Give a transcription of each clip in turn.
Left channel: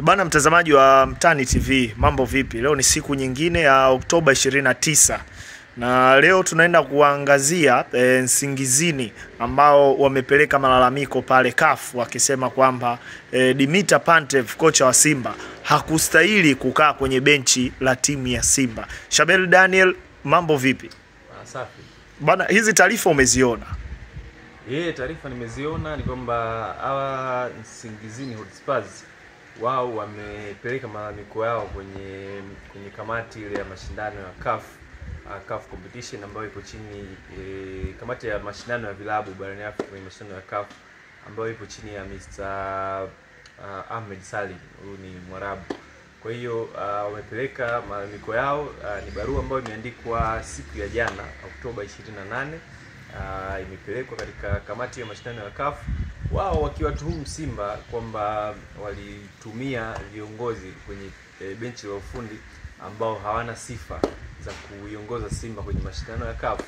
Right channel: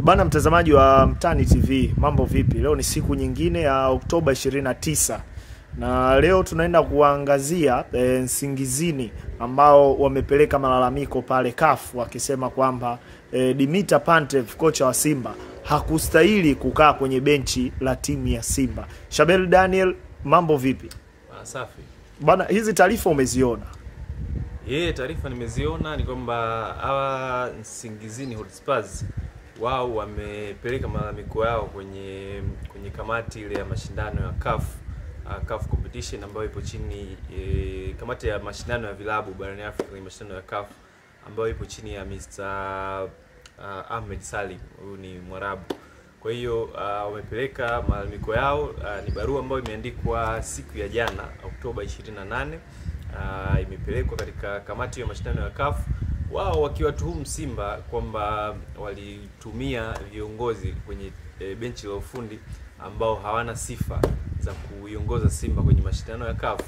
Bana mtazamaji wa Mtani TV, mambo vipi? Leo ni siku nyingine ya Oktoba 29. Na leo tunaenda kuangazia Nsingizini ambao wamepeleka malalamiko pale CAF wakisema kwamba Dimitar Pantev, kocha wa Simba, hakustahili kukaa kwenye benchi la timu ya Simba. Shabel Daniel, mambo vipi? Safi. Bana, hizi taarifa umeziona? Taarifa nimeziona. Ni kwamba hawa Nsingizini Hotspurs wao wamepeleka malalamiko yao kwenye kamati ile ya mashindano ya CAF competition ambayo ipo chini kamati ya mashindano ya vilabu barani Afrika kwenye mashindano ya CAF ambayo ipo chini ya Mr. Ahmed Salim, huyu ni Mwarabu. Kwa hiyo wamepeleka malalamiko yao. Ni barua ambayo imeandikwa siku ya jana Oktoba 28. Imepelekwa katika kamati ya mashindano ya CAF, wao wakiwatuhumu Simba kwamba walitumia viongozi kwenye benchi la ufundi ambao hawana sifa za kuiongoza Simba kwenye mashindano ya CAF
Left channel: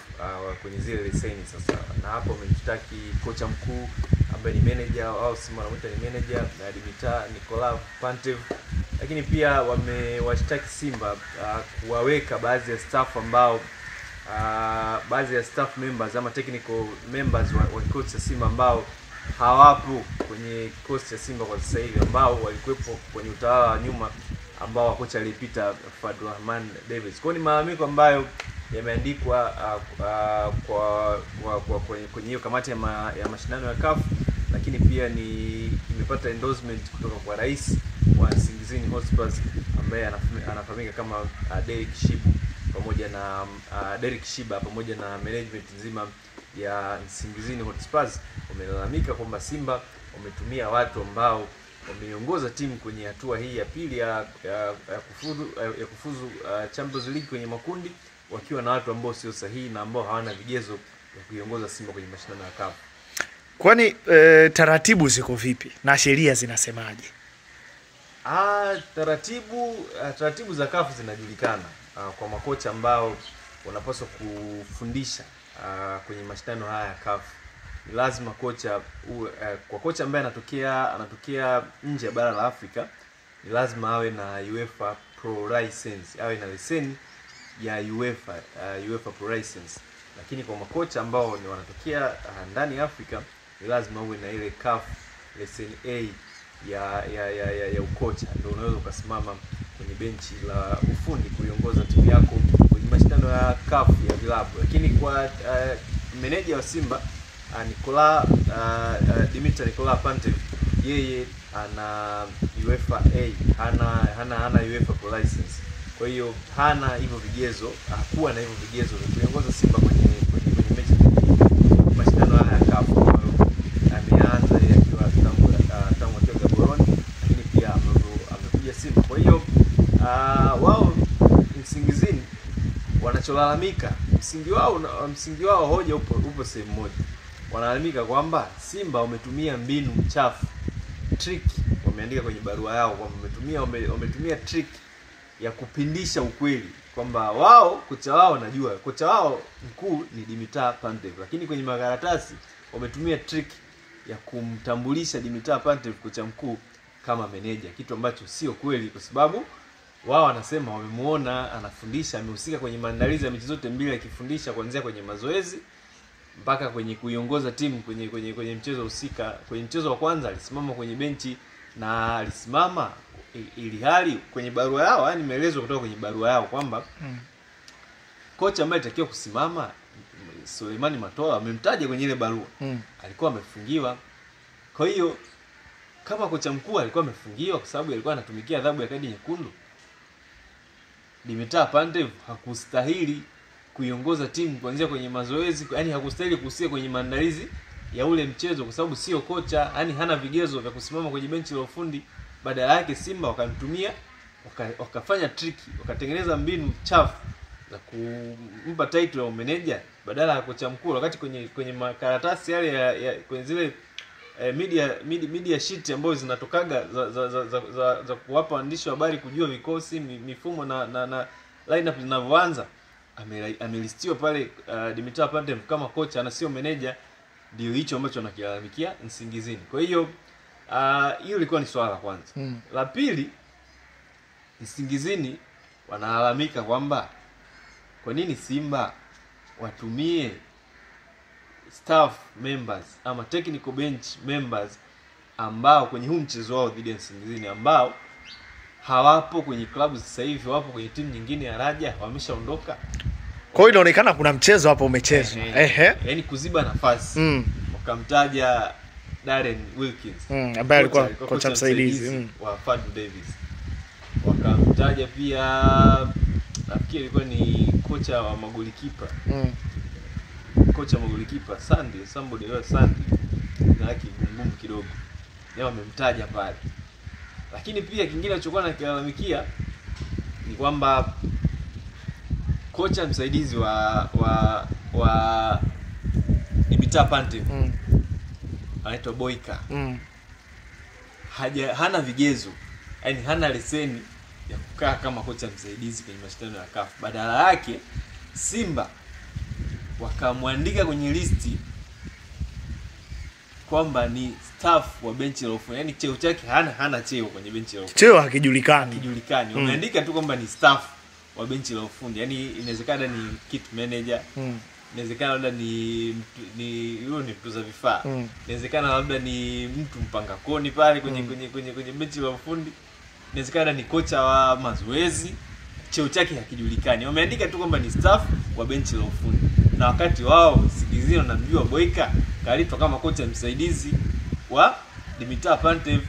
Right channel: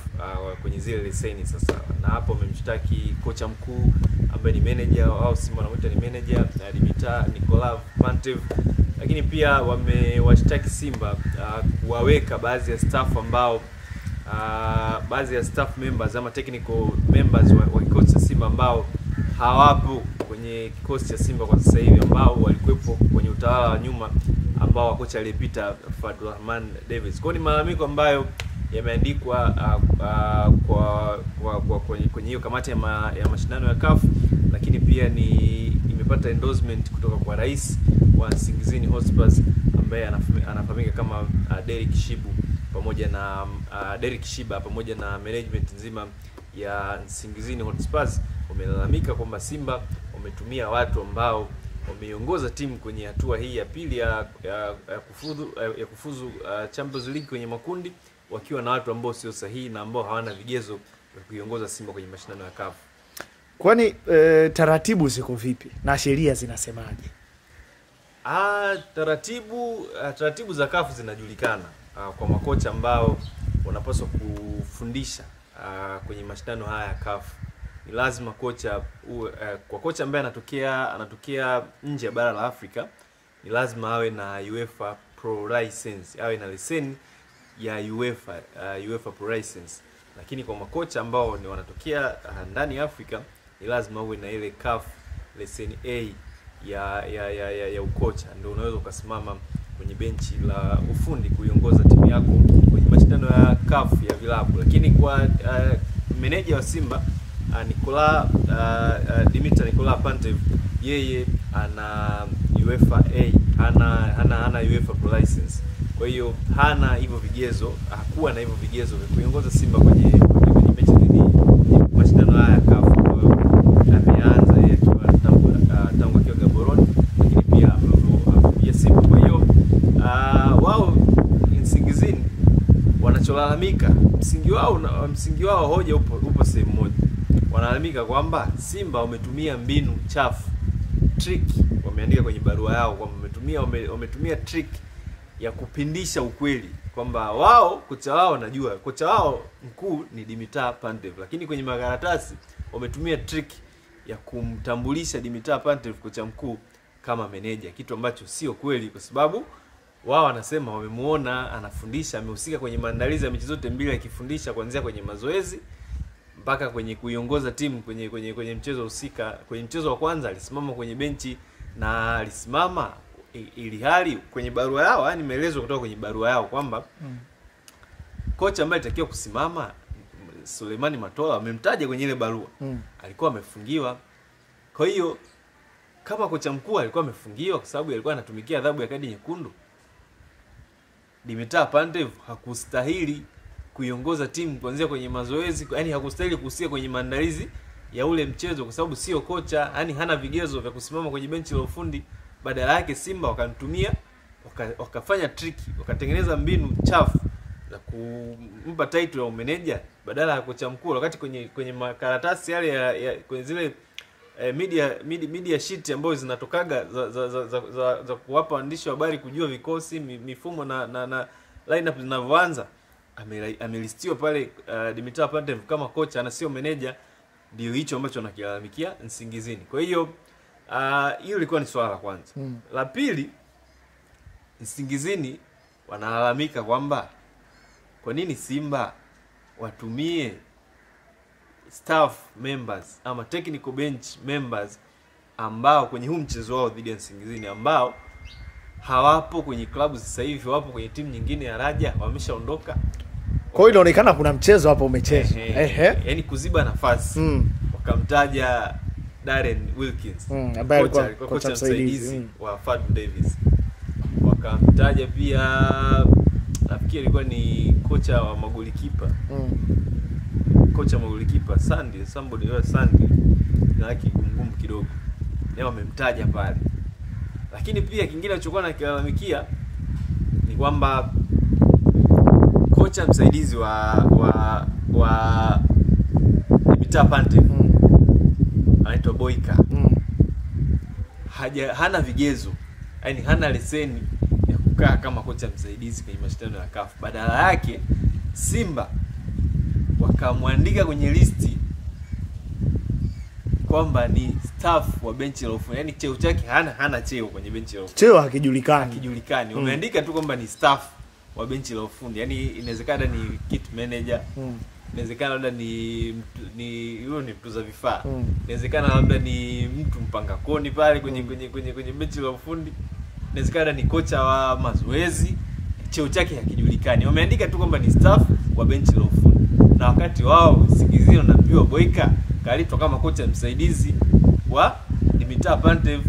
kwenye zile leseni. Sasa na hapo wamemshtaki kocha mkuu ambaye ni manager au Simba wanamuita ni manager Dimitar Pantev, lakini pia wamewashtaki Simba kuwaweka baadhi ya staff ambao baadhi ya staff members ama technical members wa kikosi cha Simba ambao hawapo kwenye kikosi cha Simba kwa sasa hivi, ambao walikuwepo kwenye utawala wa nyuma ambao wa kocha aliyepita Fadlurahman Davids. Kwa ni malalamiko ambayo yameandikwa kwenye hiyo kamati ya mashindano ya CAF, lakini pia imepata endorsement kutoka kwa rais wa Nsingizini Hotspurs ambaye anafahamika kama Derek Shiba pamoja na management nzima ya Nsingizini Hotspurs. Wamelalamika kwamba Simba wametumia watu ambao wameiongoza timu kwenye hatua hii ya pili ya kufuzu Champions League kwenye makundi, wakiwa na watu ambao sio sahihi na ambao hawana vigezo vya kuiongoza Simba kwenye mashindano ya CAF. Kwani taratibu ziko vipi na sheria zinasemaje? Taratibu za CAF zinajulikana kwa makocha ambao wanapaswa kufundisha kwenye mashindano haya ya CAF. Ni lazima kwa kocha ambaye anatokea nje ya bara la Afrika, ni lazima awe na UEFA Pro License, awe na leseni ya UEFA Pro License. Lakini kwa makocha ambao ni wanatokea ndani ya Afrika, ni lazima uwe na ile CAF leseni A ya ukocha, ndio unaweza ukasimama kwenye benchi la ufundi kuiongoza timu yako kwenye mashindano ya CAF ya vilabu. Lakini kwa meneja wa Simba Dimitar Pantev, yeye ana UEFA A, hana UEFA Pro License. Kwa hiyo hana hivyo vigezo, hakuwa na hivyo vigezo vya kuiongoza Simba kwenye mechi mashindano haya ya CAF. Ameanza yeye akiwa tangu akiwa Gaborone, lakini pia amekuja Simba. Kwa hiyo wao Nsingizini wanacholalamika, msingi wao hoja upo sehemu moja. Wanalalamika kwamba Simba wametumia mbinu chafu, trick. Wameandika kwenye barua yao kwamba wametumia trick ya kupindisha ukweli, kwamba kocha wao najua kocha wao mkuu ni Dimitar Pantev, lakini kwenye makaratasi wametumia trick ya kumtambulisha Dimitar Pantev kocha mkuu kama meneja, kitu ambacho sio kweli, kwa sababu wao wanasema wamemuona anafundisha, amehusika kwenye maandalizi ya mechi zote mbili akifundisha, kuanzia kwenye mazoezi mpaka kwenye kuiongoza timu kwenye mchezo husika. Kwenye mchezo wa kwanza alisimama kwenye benchi na alisimama ili hali kwenye barua yao, yani maelezo kutoka kwenye barua yao kwamba kocha ambaye alitakiwa kusimama Suleimani Matola, amemtaja kwenye ile barua, alikuwa amefungiwa. Kwa hiyo kama kocha mkuu alikuwa amefungiwa kwa sababu alikuwa anatumikia adhabu ya kadi nyekundu, Dimitar Pantev hakustahili kuiongoza timu kuanzia kwenye mazoezi, yani hakustahili kuhusika kwenye maandalizi ya ule mchezo kwa sababu sio kocha, yani hana vigezo vya kusimama kwenye benchi la ufundi. Badala yake Simba wakamtumia, wakafanya tricky, wakatengeneza mbinu chafu za kumpa title ya manager badala ya kocha mkuu, wakati kwenye makaratasi yale kwenye zile media sheet ambazo zinatokaga za kuwapa waandishi wa habari kujua vikosi, mifumo na lineup zinavyoanza, amelistiwa pale Dimitar Pantev kama kocha na sio manager. Ndio hicho ambacho anakilalamikia Nsingizini. Kwa hiyo Hiyo ilikuwa ni swala la kwanza. La pili, Nsingizini wanalalamika kwamba kwa nini Simba watumie staff members ama technical bench members ambao kwenye huu mchezo wao dhidi ya Nsingizini ambao hawapo kwenye klabu sasa hivi, wapo kwenye timu nyingine ya Raja, wameshaondoka. Kwa hiyo inaonekana kuna mchezo hapo umechezwa. Yaani kuziba nafasi. Wakamtaja Darren Wilkins ambaye alikuwa kocha msaidizi wa Fadu Davis. Wakamtaja pia nafikiri ilikuwa ni kocha wa magolikipa. Kocha wa magolikipa somebody na yake ngumu kidogo. Leo wamemtaja pale. Lakini pia kingine alichokuwa nakilalamikia ni kwamba kocha msaidizi wa Dimitar Pantev anaitwa Boyka. Hana vigezo, yani hana leseni ya kukaa kama kocha msaidizi kwenye mashindano ya CAF. Badala yake Simba wakamwandika kwenye listi kwamba ni staff wa benchi la ufundi. Yani cheo chake hana cheo kwenye benchi la ufundi. Cheo hakijulikani. Wameandika tu kwamba ni staff wa benchi la ufundi. Yani inawezekana ni kit manager. Inawezekana labda ni huyo ni mtuza vifaa. Inawezekana labda ni mtu mpanga koni pale kwenye benchi la ufundi. Inawezekana ni kocha wa mazoezi. Cheo chake hakijulikani. Wameandika tu kwamba ni staff wa benchi la ufundi. Na wakati wao Nsingizini wanapiwa Boyka kaletwa kama kocha msaidizi wa Dimitar Pantev.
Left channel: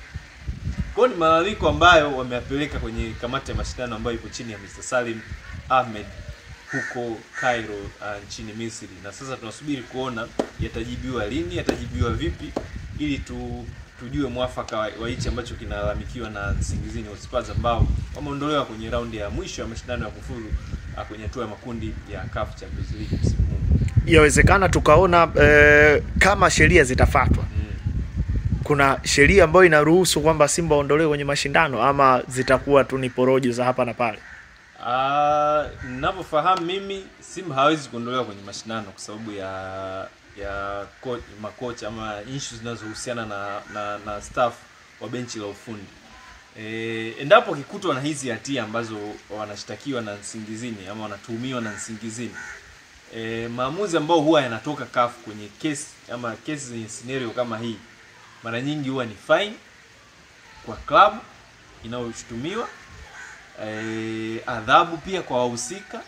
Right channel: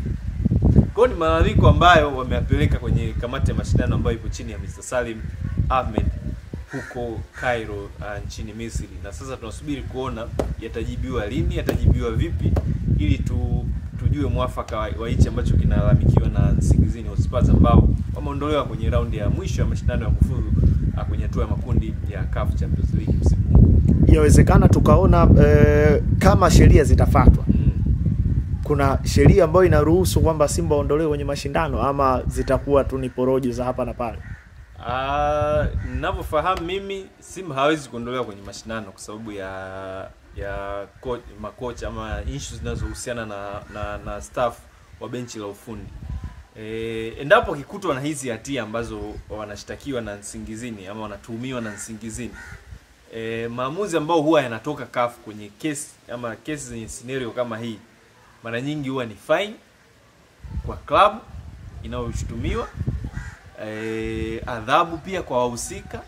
Kwa ni malalamiko ambayo wameyapeleka kwenye kamati ya mashindano ambayo iko chini ya Mr. Salim Ahmed huko Cairo nchini Misri. Na sasa tunasubiri kuona yatajibiwa lini, yatajibiwa vipi ili tujue mwafaka wa hichi ambacho kinalalamikiwa na Nsingizini Hotspurs ambao wameondolewa kwenye raundi ya mwisho ya mashindano ya kufuzu kwenye hatua ya makundi ya CAF Champions League msimu huu. Yawezekana tukaona kama sheria zitafuatwa. Kuna sheria ambayo inaruhusu kwamba Simba waondolewe kwenye mashindano ama zitakuwa tu ni porojo za hapa na pale? Ninavyofahamu mimi Simba hawezi kuondolewa kwenye mashindano kwa sababu ya makocha ama issues zinazohusiana na staff wa benchi la ufundi. Endapo kikutwa na hizi hatia ambazo wanashtakiwa na Nsingizini ama wanatuhumiwa na Nsingizini, maamuzi ambao huwa yanatoka CAF kwenye kesi ama kesi zenye scenario kama hii mara nyingi huwa ni fine kwa klabu inayoshutumiwa, adhabu pia kwa wahusika.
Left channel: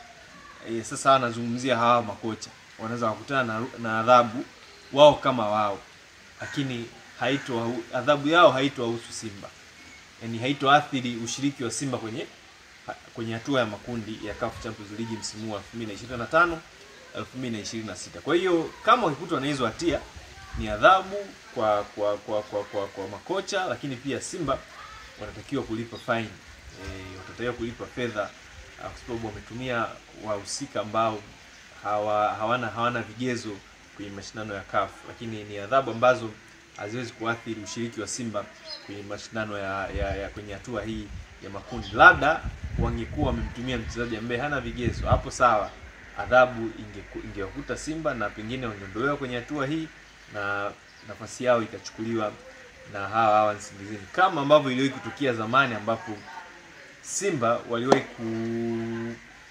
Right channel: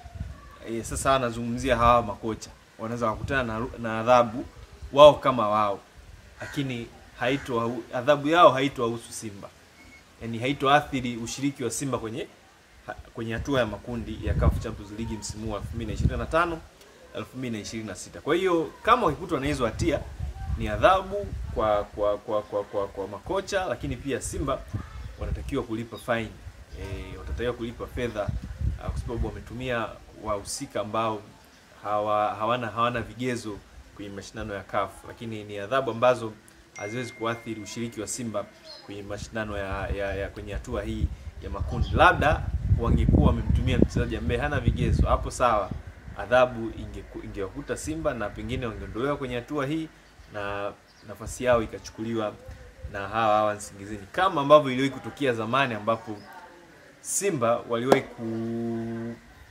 Sasa anazungumzia hawa makocha wanaweza kukutana na adhabu wao kama wao, lakini adhabu yao haitohusu Simba. Yani haitoathiri ushiriki wa Simba kwenye hatua ya makundi ya CAF Champions League msimu wa 2025 2026. Kwa hiyo kama wakikutwa na hizo hatia ni adhabu kwa makocha, lakini pia Simba wanatakiwa kulipa fine. Watatakiwa kulipa fedha kwa sababu wametumia wahusika ambao hawana vigezo kwenye mashindano ya CAF, lakini ni adhabu ambazo haziwezi kuathiri ushiriki wa Simba kwenye mashindano ya kwenye hatua hii ya makundi. Labda wangekuwa wamemtumia mchezaji ambaye hana vigezo, hapo sawa, adhabu ingewakuta Simba na pengine wangeondolewa kwenye hatua hii na nafasi yao ikachukuliwa na hawa Nsingizini, kama ambavyo iliwahi kutokea zamani ambapo Simba waliwahi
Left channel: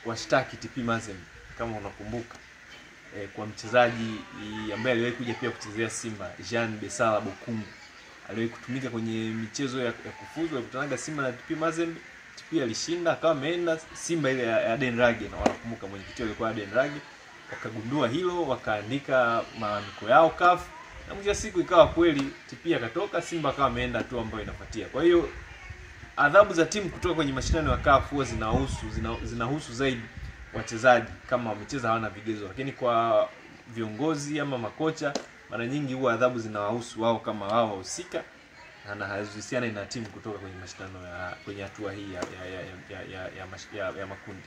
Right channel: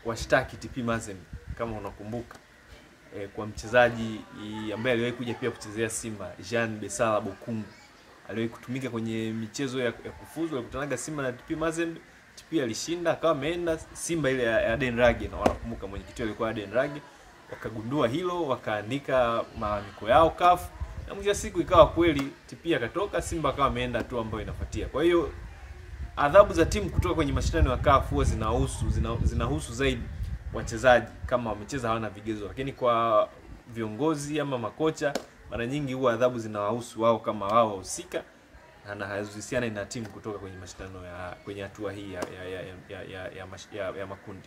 kuwashtaki TP Mazembe kama unakumbuka, kwa mchezaji ambaye aliwahi kuja pia kuchezea Simba, Jean Besala Bokungu. Aliwahi kutumika kwenye michezo ya kufuzu, alikutanaga Simba na TP Mazembe. TP alishinda akawa ameenda Simba ile ya Aden Rage, na wanakumbuka mwenyekiti alikuwa Aden Rage. Wakagundua hilo, wakaandika malalamiko yao CAF, na mwisho siku ikawa kweli TP akatoka, Simba akawa ameenda hatua ambayo inafuatia. Kwa hiyo adhabu za timu kutoka kwenye mashindano ya CAF huwa zinahusu zaidi wachezaji kama wamecheza hawana vigezo, lakini kwa viongozi ama makocha mara nyingi huwa adhabu zinawahusu wao kama wao wahusika na hazihusiani na timu kutoka kwenye mashindano kwenye hatua hii ya makundi.